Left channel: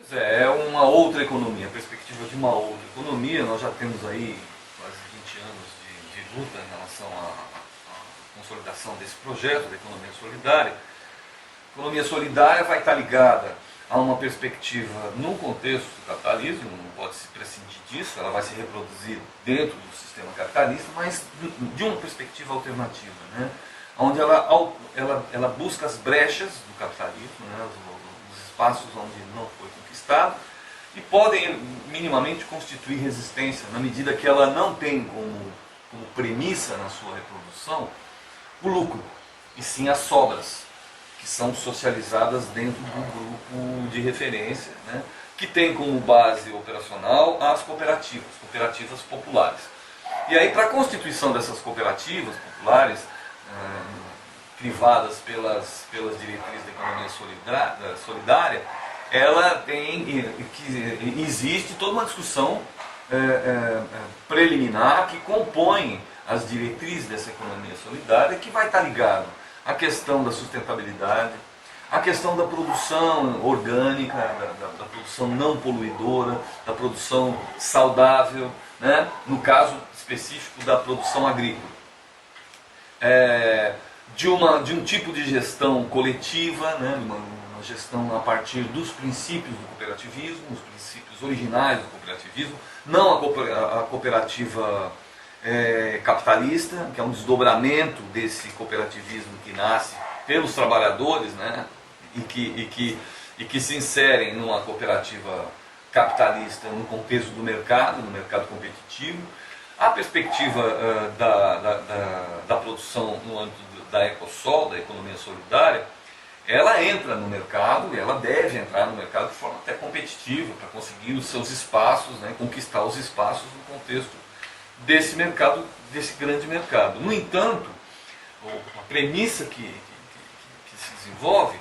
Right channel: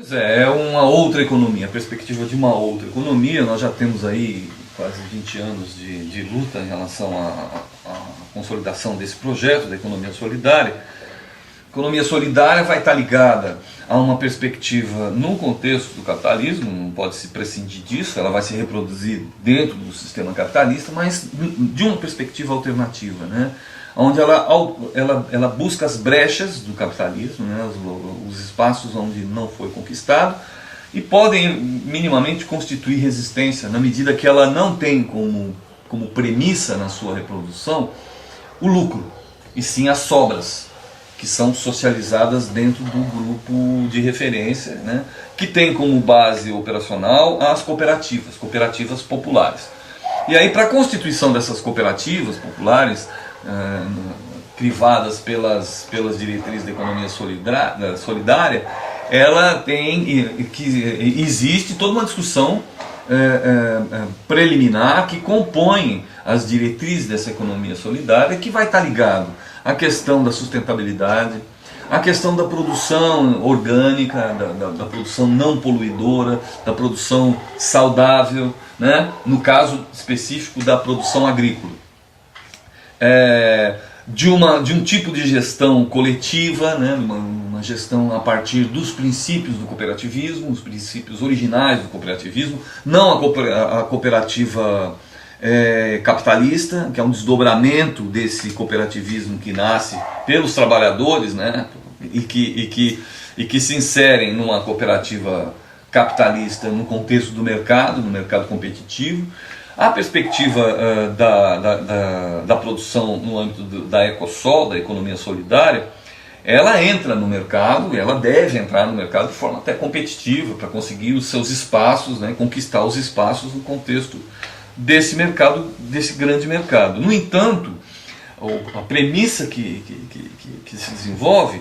Pois é uma outra economia, a perspectiva de uma outra economia. Nós já temos aí quase 20 anos de luta em relação à consolidação desse projeto da economia solidária. A economia solidária vai estar ligada a uma perspectiva num contexto do capitalismo, não pode se prescindir disso, ela vai se reproduzir dentro do sistema capitalista, mas de uma perspectiva alternativa, né? Onde ela busca as brechas do capitalismo, né? Os espaços onde não foi conquistado, e podem minimamente constituir resistência na medida que ela não tem como premissa na sua reprodução o lucro, e sim as sobras, que são socializadas dentro do grupo de referência, né, que tem como base operacional as cooperativas populares. E aí, para a constituição dessas cooperativas populares, crivadas pelas diretrizes da economia solidária, ela existe toda uma discussão preliminar que compõe as diretrizes dessa economia solidária, que vai estar ligado à questão da sustentabilidade, à questão da produção orgânica, da produção não poluidora, da produção saudável, né? No caso específico da produção agrícola. De um tipo de gestão coletiva, né? Uma gestão a partir dos princípios do cooperativismo, os princípios originais do cooperativismo, não a cooperativa capitalista, que é um desdobramento desse cooperativismo que nasce pelos trabalhadores, né? e que se inserem numa cooperativa capitalista no contexto do mercado, no mercado competitivo. A perspectiva da produção no âmbito da Ecosol, da economia solidária, ela entra no mercado, ela deve entrar no mercado de forma até competitiva, para conseguir os seus espaços, né, conquistar os espaços no contexto desse mercado, desse grande mercado. No entanto, a premissa que se desenvolve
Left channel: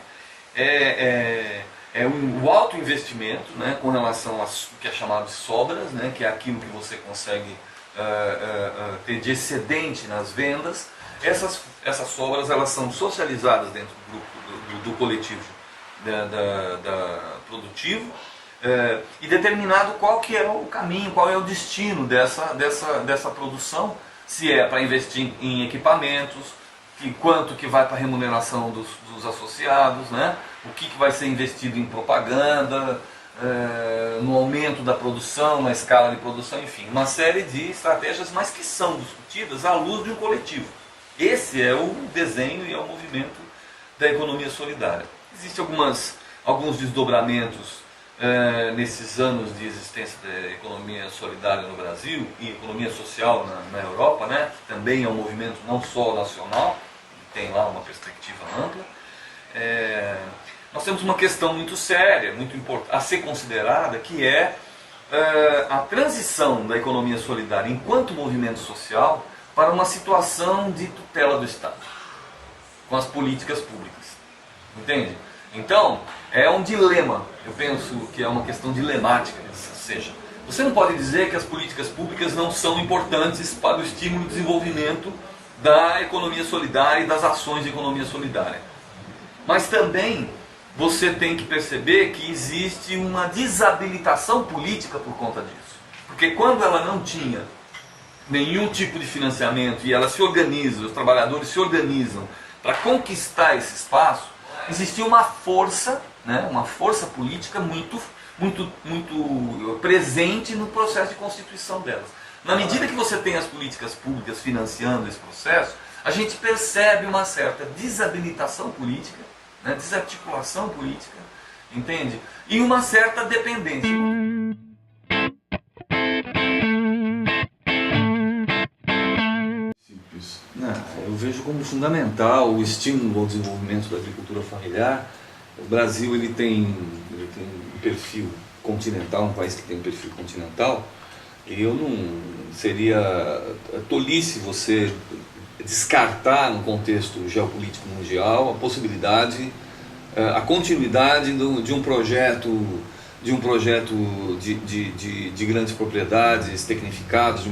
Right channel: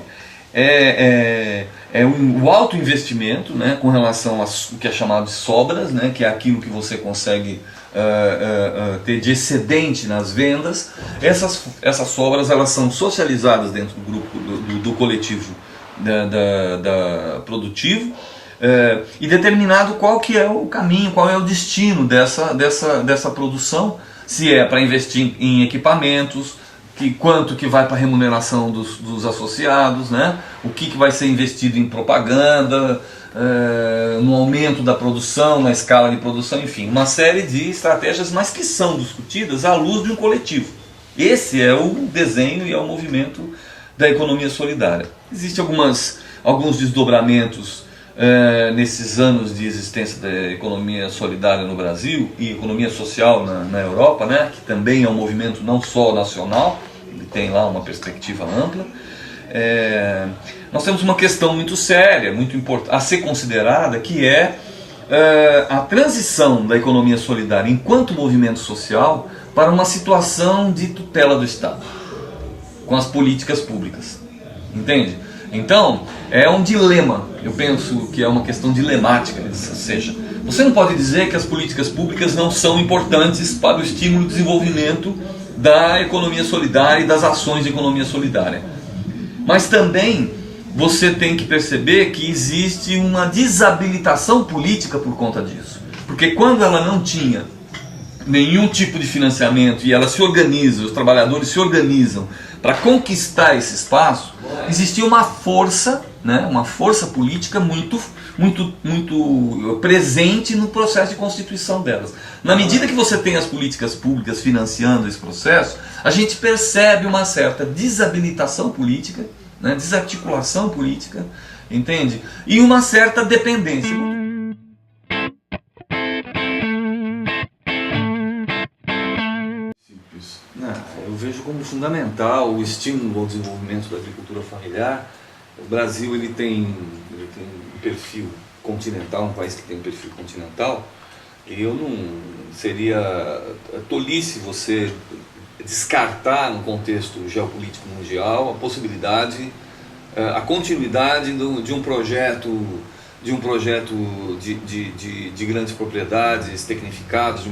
o alto investimento, né, com relação ao que é chamado de sobras, né, que é aquilo que você consegue ter de excedente nas vendas. Essas sobras, elas são socializadas dentro do grupo do coletivo da produtivo, e determinado qual que é o caminho, qual é o destino dessa produção, se é para investir em equipamentos, quanto que vai para a remuneração dos associados, né? O que vai ser investido em propaganda, no aumento da produção, na escala de produção, enfim, uma série de estratégias, mas que são discutidas à luz de um coletivo. Esse é o desenho e é o movimento da economia solidária. Existem alguns desdobramentos nesses anos de existência da economia solidária no Brasil e economia social na Europa, né, que também é um movimento não só nacional, ele tem lá uma perspectiva ampla. Nós temos uma questão muito séria, muito importante a ser considerada, que é a transição da economia solidária enquanto movimento social para uma situação de tutela do Estado, com as políticas públicas. Entende? Então, é um dilema, eu penso que é uma questão dilemática, ou seja, você não pode dizer que as políticas públicas não são importantes para o estímulo e desenvolvimento da economia solidária e das ações de economia solidária. Mas também você tem que perceber que existe uma desabilitação política por conta disso. Porque quando ela não tinha nenhum tipo de financiamento e ela se organiza, os trabalhadores se organizam para conquistar esse espaço, existia uma força, né, uma força política muito presente no processo de constituição delas. Na medida que você tem as políticas públicas financiando esse processo, a gente percebe uma certa desabilitação política, né, desarticulação política, entende? E uma certa dependência. Eu vejo como fundamental o estímulo ao desenvolvimento da agricultura familiar. O Brasil ele tem um perfil continental, um país que tem um perfil continental, e eu não seria tolice você descartar no contexto geopolítico mundial a possibilidade, a continuidade de um projeto de grandes propriedades tecnificadas, de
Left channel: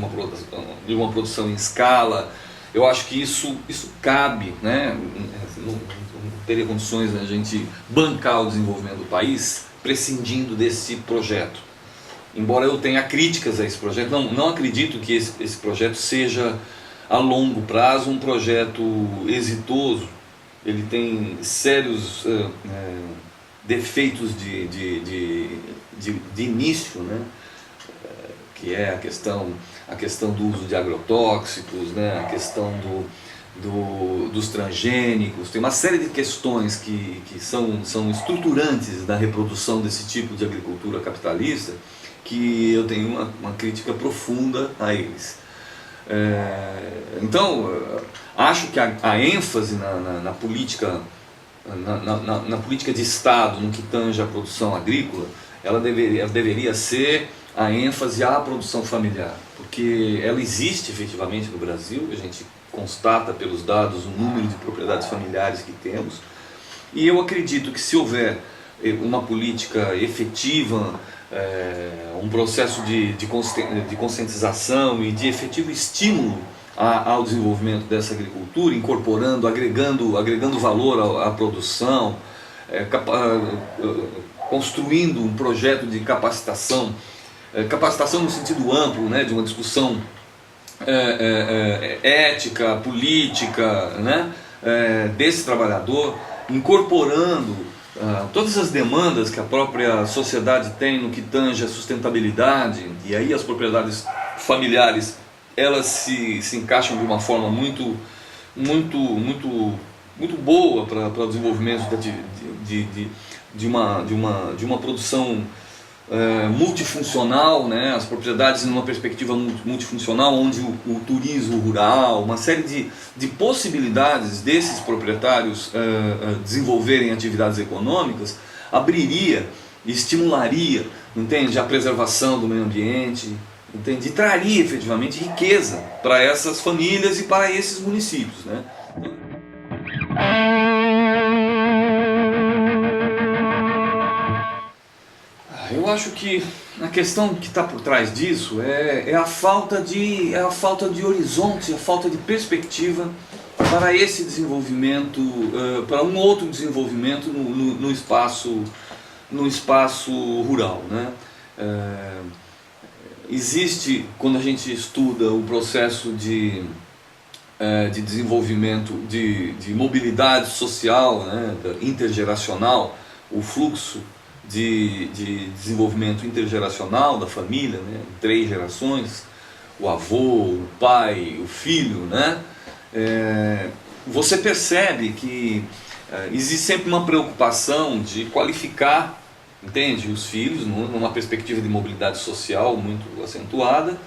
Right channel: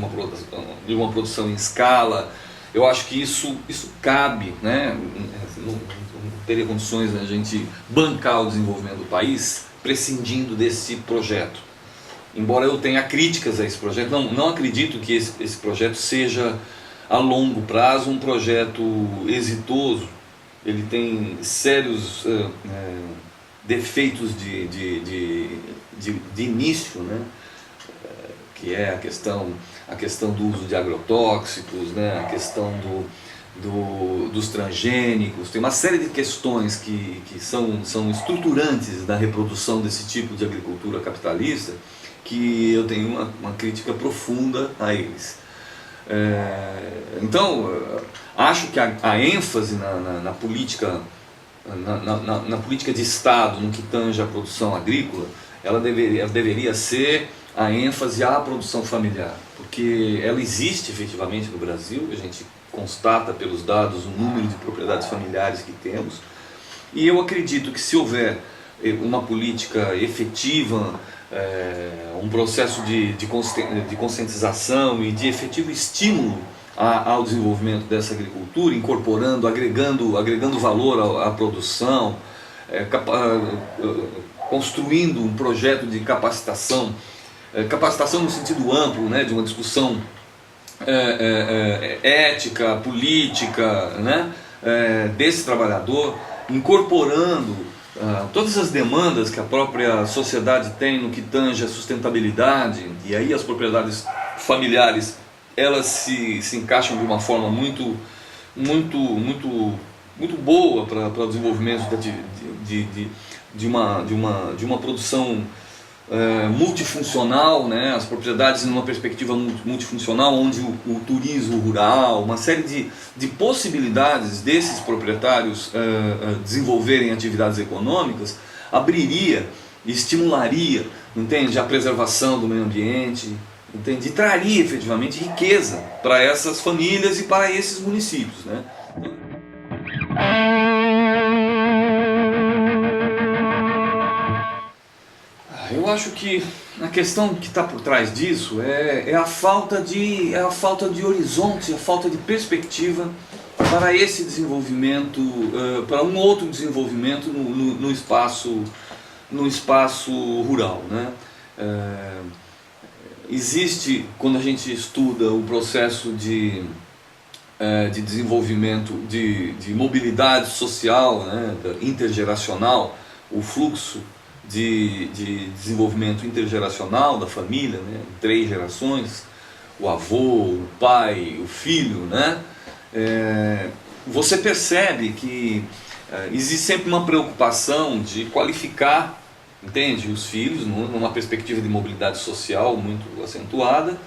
uma produção em escala. Eu acho que isso cabe, né? Não teria condições de a gente bancar o desenvolvimento do país prescindindo desse projeto. Embora eu tenha críticas a esse projeto, não acredito que esse projeto seja a longo prazo um projeto exitoso. Ele tem sérios defeitos de início, né? Que é a questão do uso de agrotóxicos, né? A questão dos transgênicos. Tem uma série de questões que são estruturantes da reprodução desse tipo de agricultura capitalista, que eu tenho uma crítica profunda a eles. Então, acho que a ênfase na política, na política de Estado, no que tange à produção agrícola, ela deveria ser a ênfase à produção familiar, porque ela existe efetivamente no Brasil. A gente constata pelos dados o número de propriedades familiares que temos, e eu acredito que se houver uma política efetiva, um processo de conscientização e de efetivo estímulo ao desenvolvimento dessa agricultura, incorporando, agregando valor à produção, construindo um projeto de capacitação no sentido amplo, né, de uma discussão ética, política, né, desse trabalhador, incorporando todas as demandas que a própria sociedade tem no que tange a sustentabilidade. E aí as propriedades familiares, elas se encaixam de uma forma muito boa para o desenvolvimento de uma produção multifuncional, né? As propriedades numa perspectiva multifuncional, onde o turismo rural, uma série de possibilidades desses proprietários desenvolverem atividades econômicas, abriria e estimularia, entende, a preservação do meio ambiente, entende, e traria efetivamente riqueza para essas famílias e para esses municípios, né? Eu acho que a questão que está por trás disso é a falta de horizonte, a falta de perspectiva para esse desenvolvimento, para um outro desenvolvimento no espaço rural, né? Existe, quando a gente estuda o processo de desenvolvimento, de mobilidade social, né, intergeracional, o fluxo de desenvolvimento intergeracional da família, né, 3 gerações, o avô, o pai, o filho, né, você percebe que existe sempre uma preocupação de qualificar, entende, os filhos numa perspectiva de mobilidade social muito acentuada,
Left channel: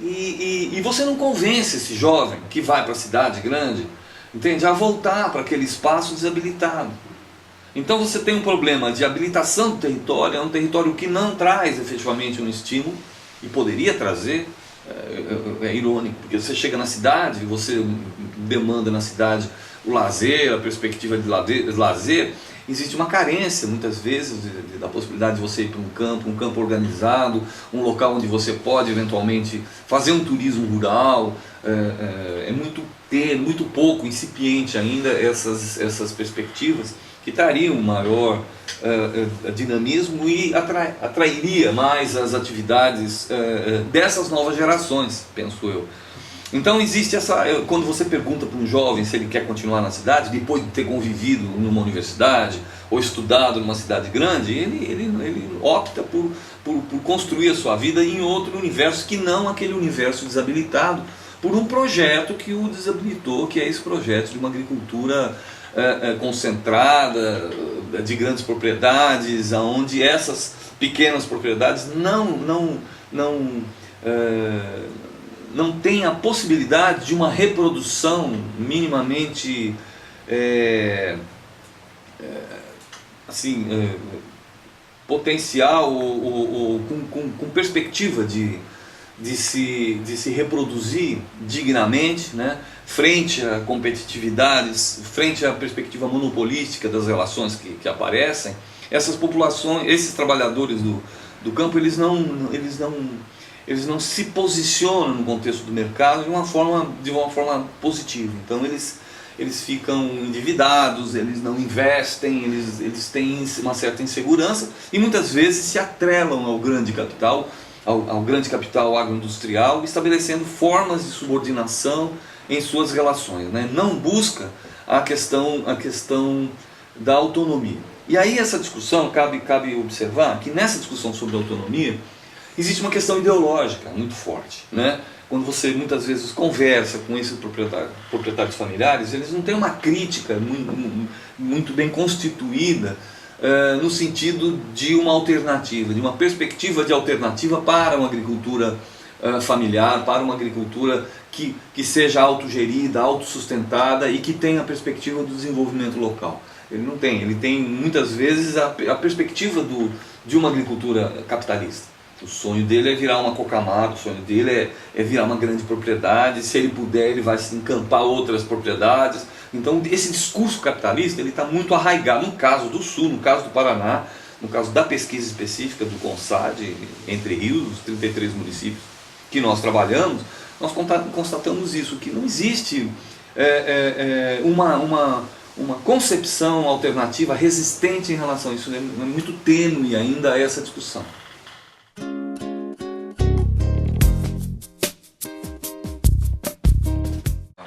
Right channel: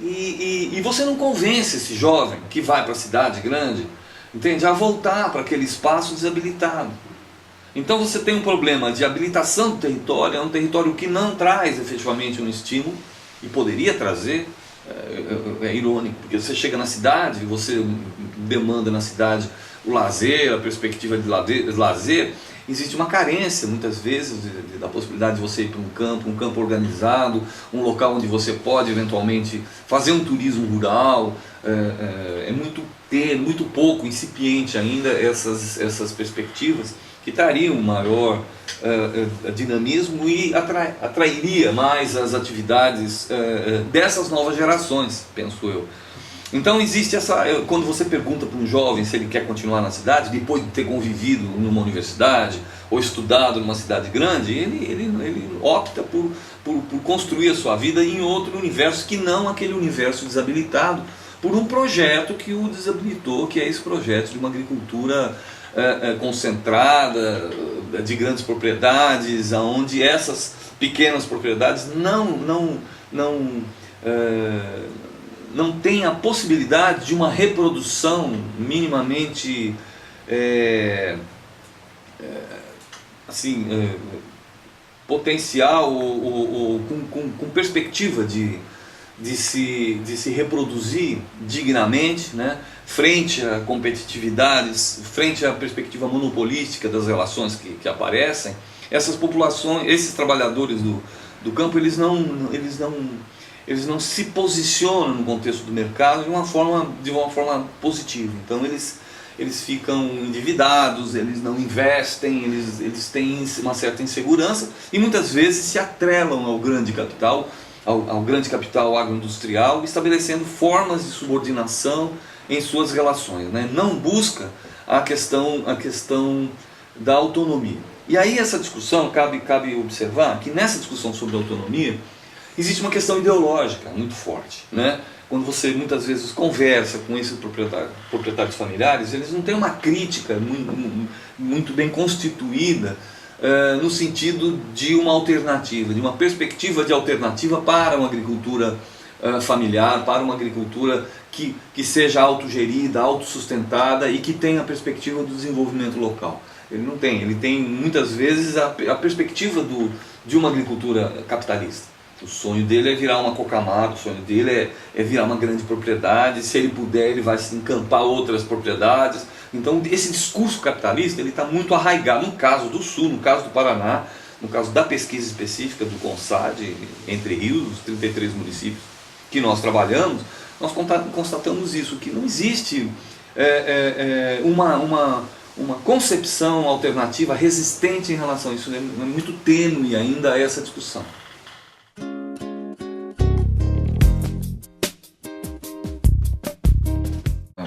e você não convence esse jovem que vai para a cidade grande, entende, a voltar para aquele espaço desabilitado. Então você tem um problema de habilitação do território, é um território que não traz efetivamente um estímulo, e poderia trazer. É irônico, porque você chega na cidade, você demanda na cidade o lazer, a perspectiva de lazer, existe uma carência muitas vezes da possibilidade de você ir para um campo organizado, um local onde você pode eventualmente fazer um turismo rural. É muito pouco, incipiente ainda essas perspectivas, que trariam um maior dinamismo e atrairia mais as atividades dessas novas gerações, penso eu. Então existe quando você pergunta para um jovem se ele quer continuar na cidade, depois de ter convivido numa universidade ou estudado numa cidade grande, ele opta por construir a sua vida em outro universo, que não aquele universo desabilitado por um projeto que o desabilitou, que é esse projeto de uma agricultura concentrada, de grandes propriedades, onde essas pequenas propriedades não tem a possibilidade de uma reprodução minimamente potencial, ou com perspectiva de se reproduzir dignamente, né, frente a competitividades, frente à perspectiva monopolística das relações que aparecem. Essas populações, esses trabalhadores do campo, eles não se posicionam no contexto do mercado de uma forma positiva. Então eles eles ficam endividados, eles não investem, eles têm uma certa insegurança e muitas vezes se atrelam ao grande capital, ao grande capital agroindustrial, estabelecendo formas de subordinação em suas relações, né? Não busca a questão da autonomia. E aí essa discussão, cabe observar que nessa discussão sobre autonomia existe uma questão ideológica muito forte, né? Quando você muitas vezes conversa com esses proprietários familiares, eles não têm uma crítica muito bem constituída no sentido de uma alternativa, de uma perspectiva de alternativa para uma agricultura familiar, para uma agricultura que seja autogerida, autossustentada e que tenha a perspectiva do desenvolvimento local. Ele não tem, ele tem muitas vezes a perspectiva de uma agricultura capitalista. O sonho dele é virar uma Cocamar, o sonho dele é virar uma grande propriedade, se ele puder ele vai se encampar outras propriedades. Então esse discurso capitalista está muito arraigado, no caso do Sul, no caso do Paraná, no caso da pesquisa específica do CONSAD, Entre Rios, os 33 municípios que nós trabalhamos, nós constatamos isso, que não existe uma concepção alternativa resistente em relação a isso, é muito tênue ainda essa discussão.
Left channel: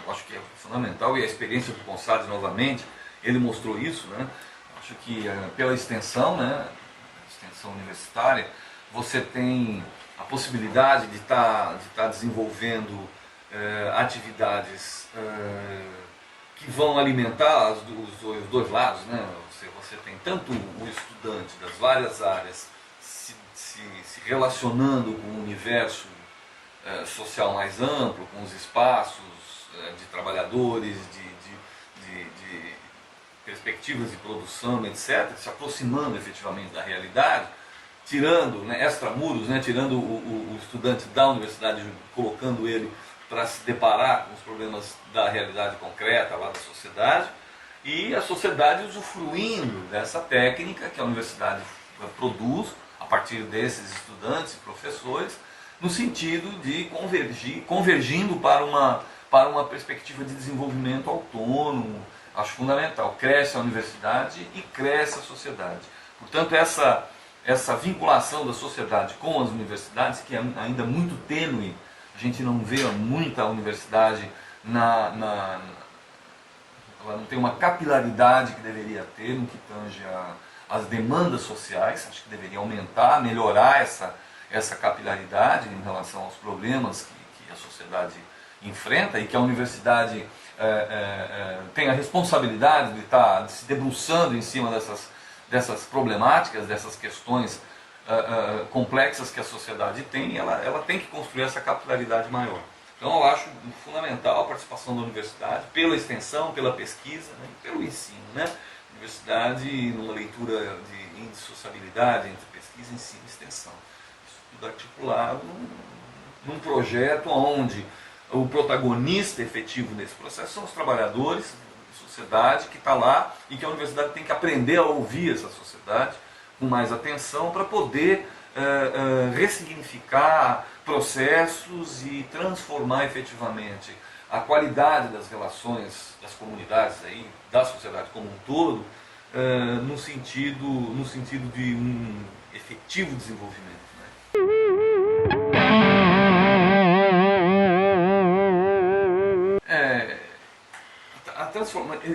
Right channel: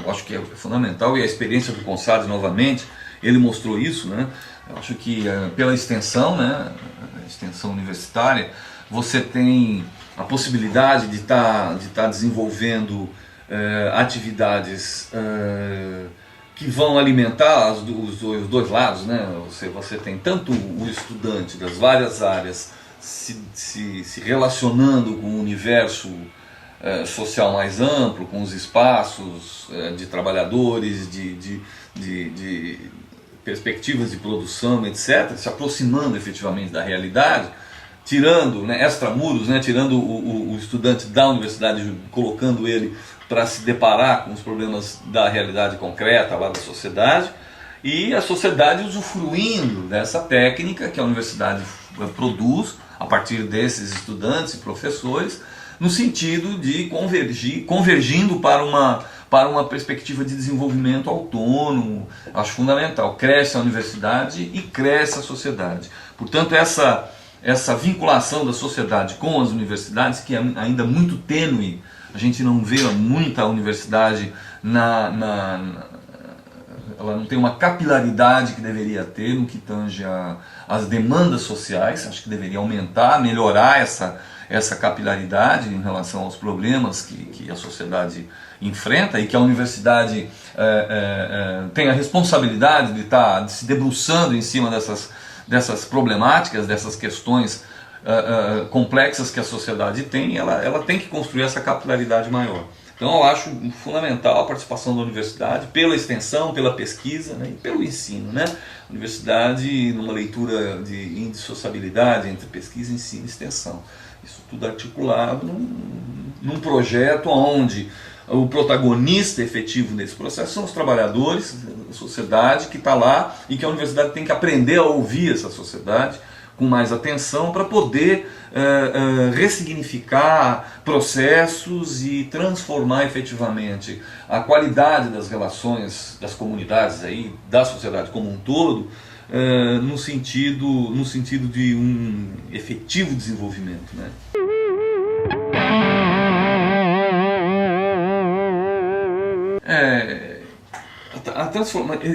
Eu acho que é fundamental, e a experiência do CONSAD novamente, ele mostrou isso, né? Eu acho que pela extensão, né, a extensão universitária, você tem a possibilidade de estar desenvolvendo atividades que vão alimentar os dois lados, né? Você tem tanto o estudante das várias áreas se relacionando com o universo social mais amplo, com os espaços de trabalhadores, de perspectivas de produção, etc., se aproximando efetivamente da realidade, tirando, né, extramuros, né, tirando o estudante da universidade, colocando ele para se deparar com os problemas da realidade concreta lá da sociedade, e a sociedade usufruindo dessa técnica que a universidade produz a partir desses estudantes e professores, no sentido de convergindo para uma perspectiva de desenvolvimento autônomo. Acho fundamental. Cresce a universidade e cresce a sociedade. Portanto, essa vinculação da sociedade com as universidades, que é ainda muito tênue, a gente não vê muita universidade, ela não tem uma capilaridade que deveria ter no que tange as demandas sociais. Acho que deveria aumentar, melhorar essa capilaridade em relação aos problemas que a sociedade enfrenta, e que a universidade tem a responsabilidade de estar se debruçando em cima dessas problemáticas, dessas questões complexas que a sociedade tem. Ela tem que construir essa capilaridade maior. Então eu acho fundamental a participação da universidade, pela extensão, pela pesquisa, né, e pelo ensino, né? Universidade numa leitura de indissociabilidade entre pesquisa, ensino e extensão. Isso tudo articulado num projeto onde o protagonista efetivo nesse processo são os trabalhadores, a sociedade que está lá, e que a universidade tem que aprender a ouvir essa sociedade com mais atenção para poder ressignificar processos e transformar efetivamente a qualidade das relações das comunidades, aí, da sociedade como um todo, no sentido de um efetivo desenvolvimento, né?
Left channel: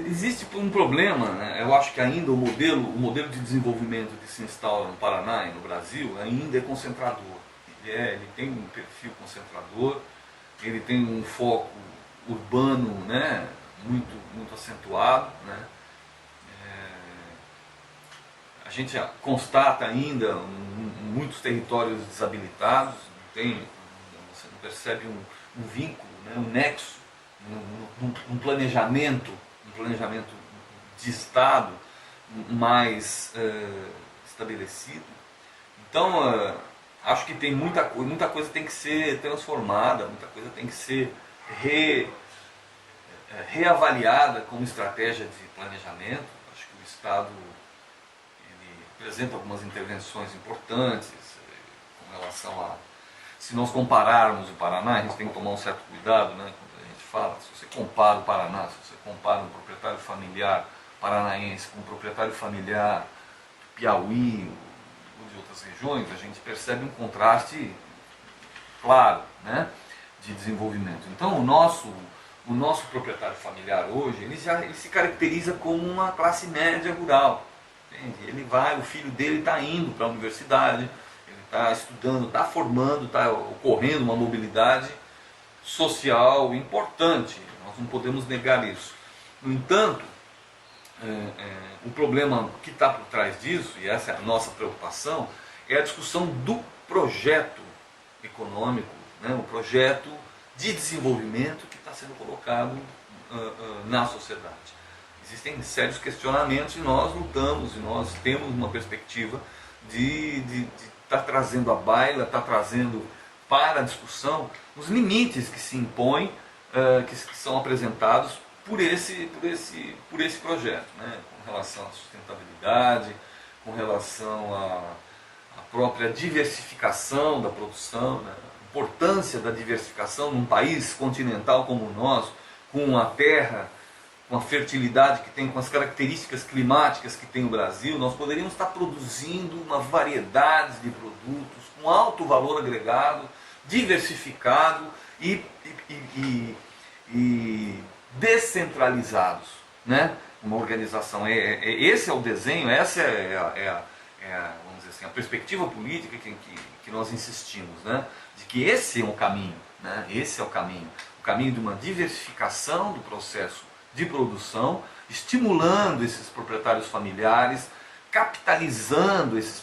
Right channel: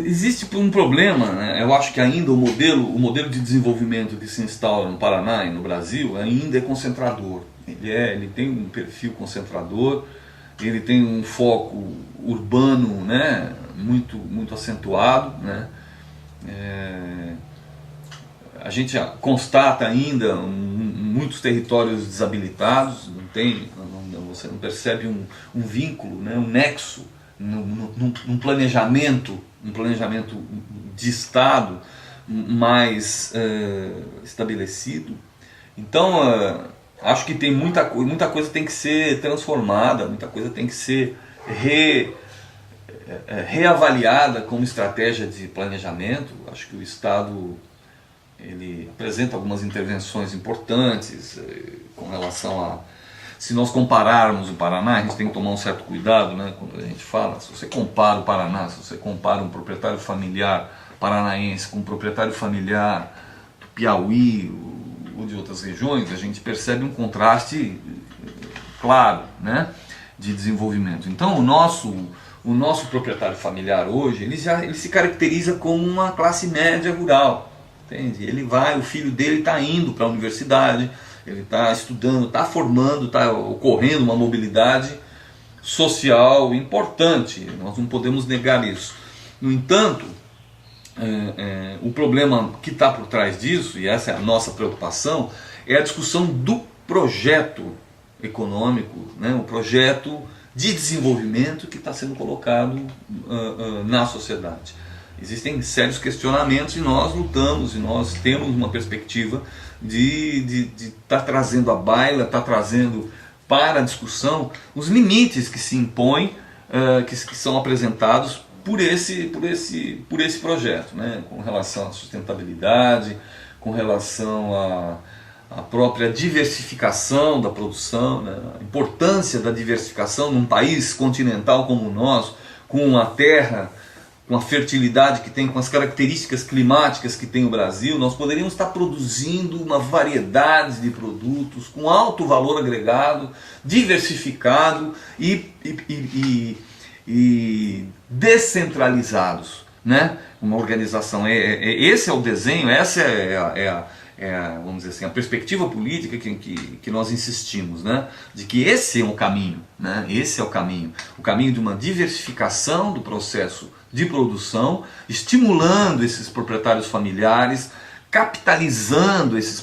Existe um problema, né? Eu acho que ainda o modelo de desenvolvimento que se instaura no Paraná e no Brasil ainda é concentrador. Ele tem um perfil concentrador, ele tem um foco urbano, né, muito acentuado, né? A gente constata ainda muitos territórios desabilitados, você não percebe um vínculo, né, um nexo, num planejamento de Estado mais estabelecido. Então, acho que tem muita coisa tem que ser transformada, muita coisa tem que ser reavaliada como estratégia de planejamento. Acho que o Estado ele apresenta algumas intervenções importantes com relação Se nós compararmos o Paraná, a gente tem que tomar um certo cuidado, né, quando a gente fala. Se você compara o Paraná, se você compara um proprietário familiar paranaense com um proprietário familiar do Piauí ou de outras regiões, a gente percebe um contraste claro, né, de desenvolvimento. Então o nosso proprietário familiar hoje, ele se caracteriza como uma classe média rural, entende? O filho dele está indo para a universidade, ele está estudando, está formando, está ocorrendo uma mobilidade social importante, nós não podemos negar isso. No entanto, o problema que está por trás disso, e essa é a nossa preocupação, é a discussão do projeto econômico, né, o projeto de desenvolvimento que está sendo colocado na sociedade. Existem sérios questionamentos e nós lutamos, e nós temos uma perspectiva de estar trazendo à baila, estar trazendo para a discussão os limites que se impõem, que são apresentados por esse projeto, né? Com relação à sustentabilidade, com relação à própria diversificação da produção, né? A importância da diversificação num país continental como o nosso, com a terra, com a fertilidade que tem, com as características climáticas que tem o Brasil. Nós poderíamos estar produzindo uma variedade de produtos com alto valor agregado, diversificado e descentralizados, né? Uma organização. Esse é o desenho, essa vamos dizer assim, a perspectiva política que nós insistimos, né? De que esse é o caminho, né? Esse é o caminho de uma diversificação do processo de produção, estimulando esses proprietários familiares, capitalizando esses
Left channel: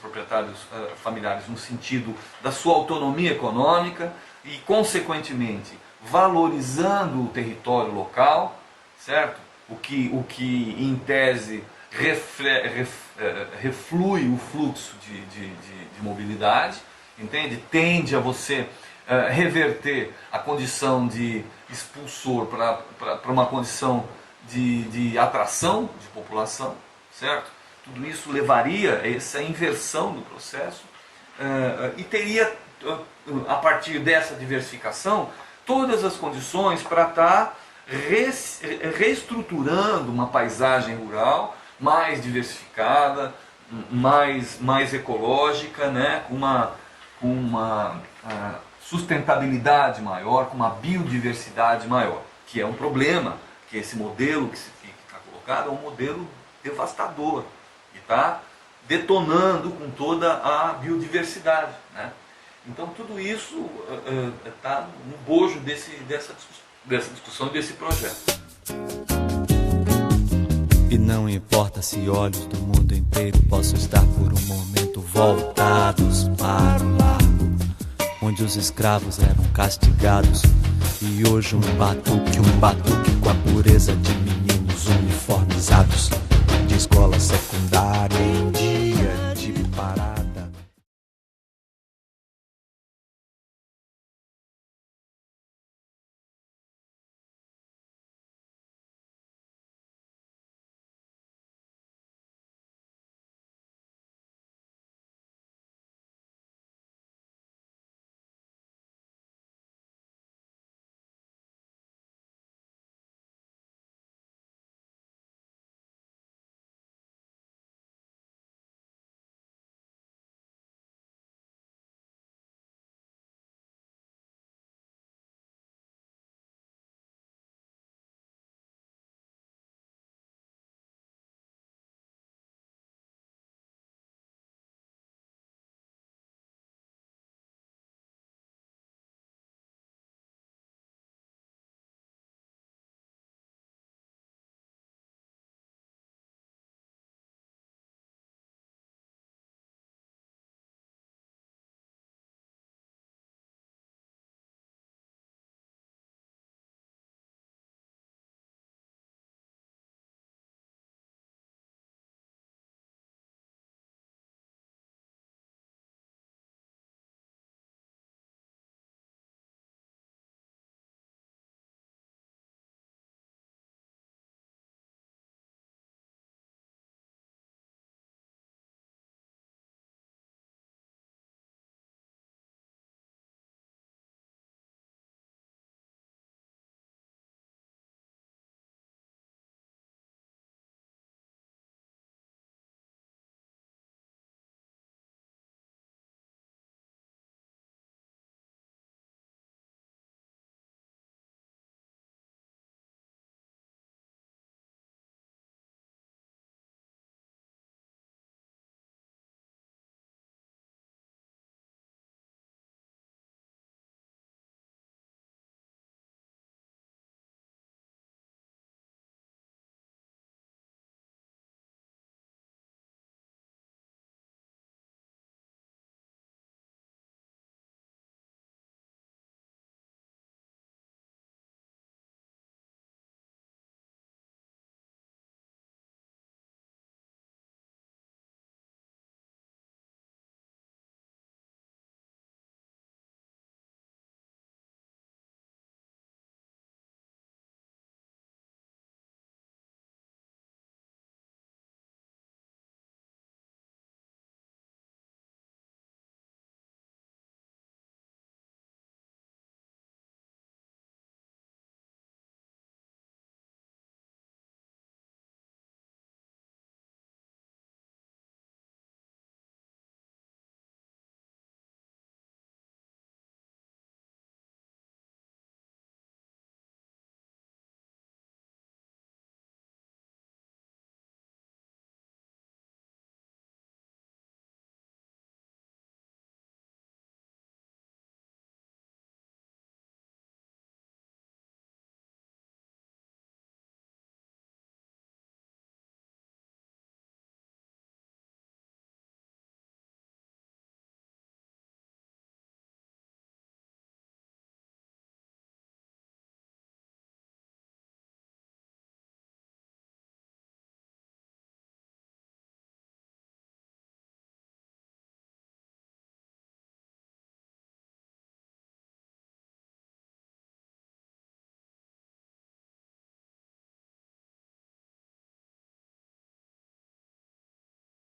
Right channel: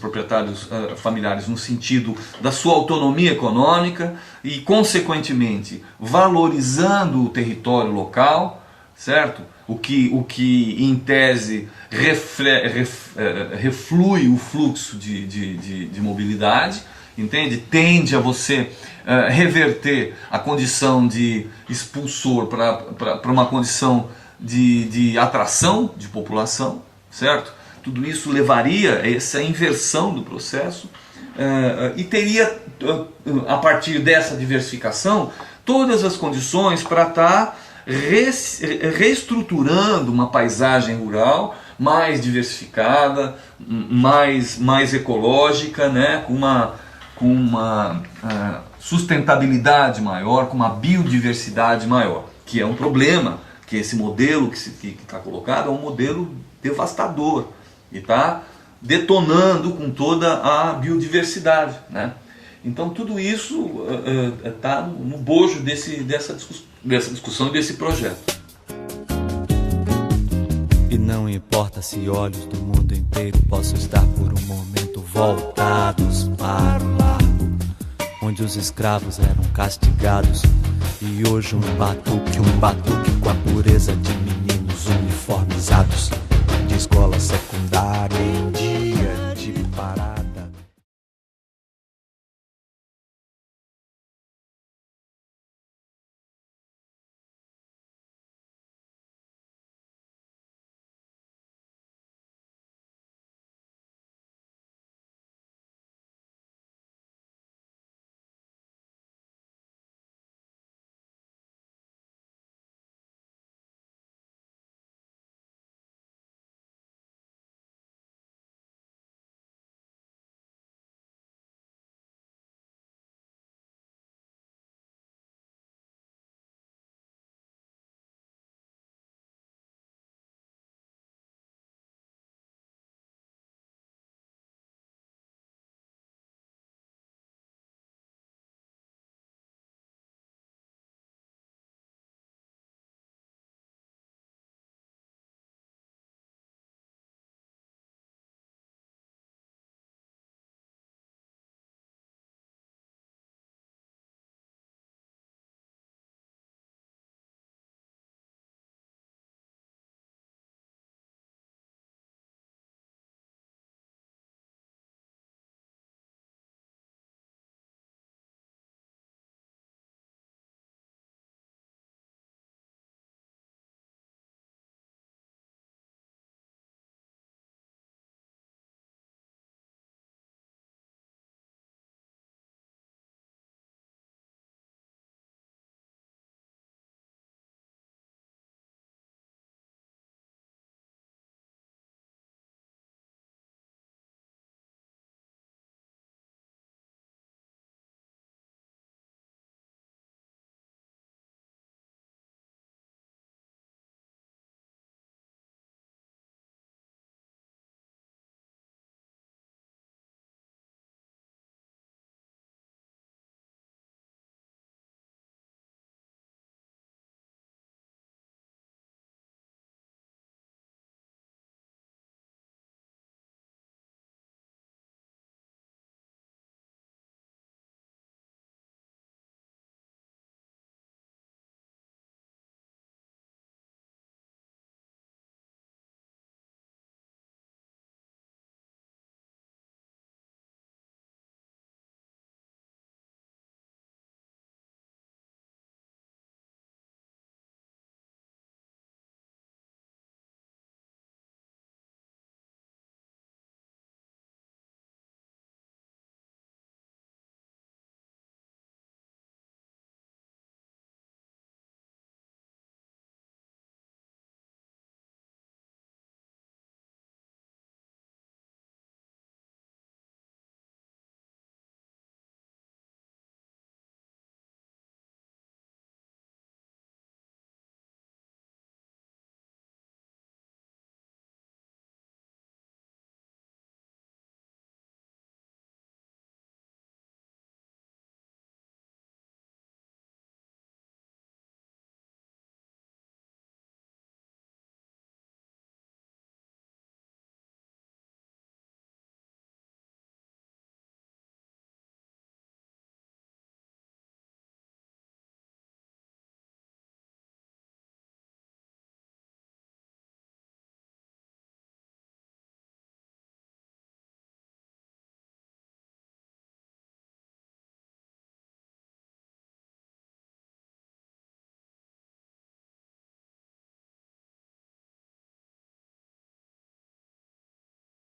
proprietários familiares no sentido da sua autonomia econômica e, consequentemente, valorizando o território local, certo? O que em tese reflui o fluxo de mobilidade, entende? Tende a você reverter a condição de expulsor para uma condição de atração de população, certo? Tudo isso levaria a essa inversão do processo e teria, a partir dessa diversificação, todas as condições para estar reestruturando uma paisagem rural mais diversificada, mais ecológica, né? com uma sustentabilidade maior, com uma biodiversidade maior, que é um problema, que esse modelo que está colocado é um modelo devastador e está detonando com toda a biodiversidade, né? Então tudo isso está no bojo dessa discussão e desse projeto. E não importa se olhos do mundo inteiro possam estar por um momento voltados para o largo, onde os escravos eram castigados, e hoje um batuque com a pureza de mim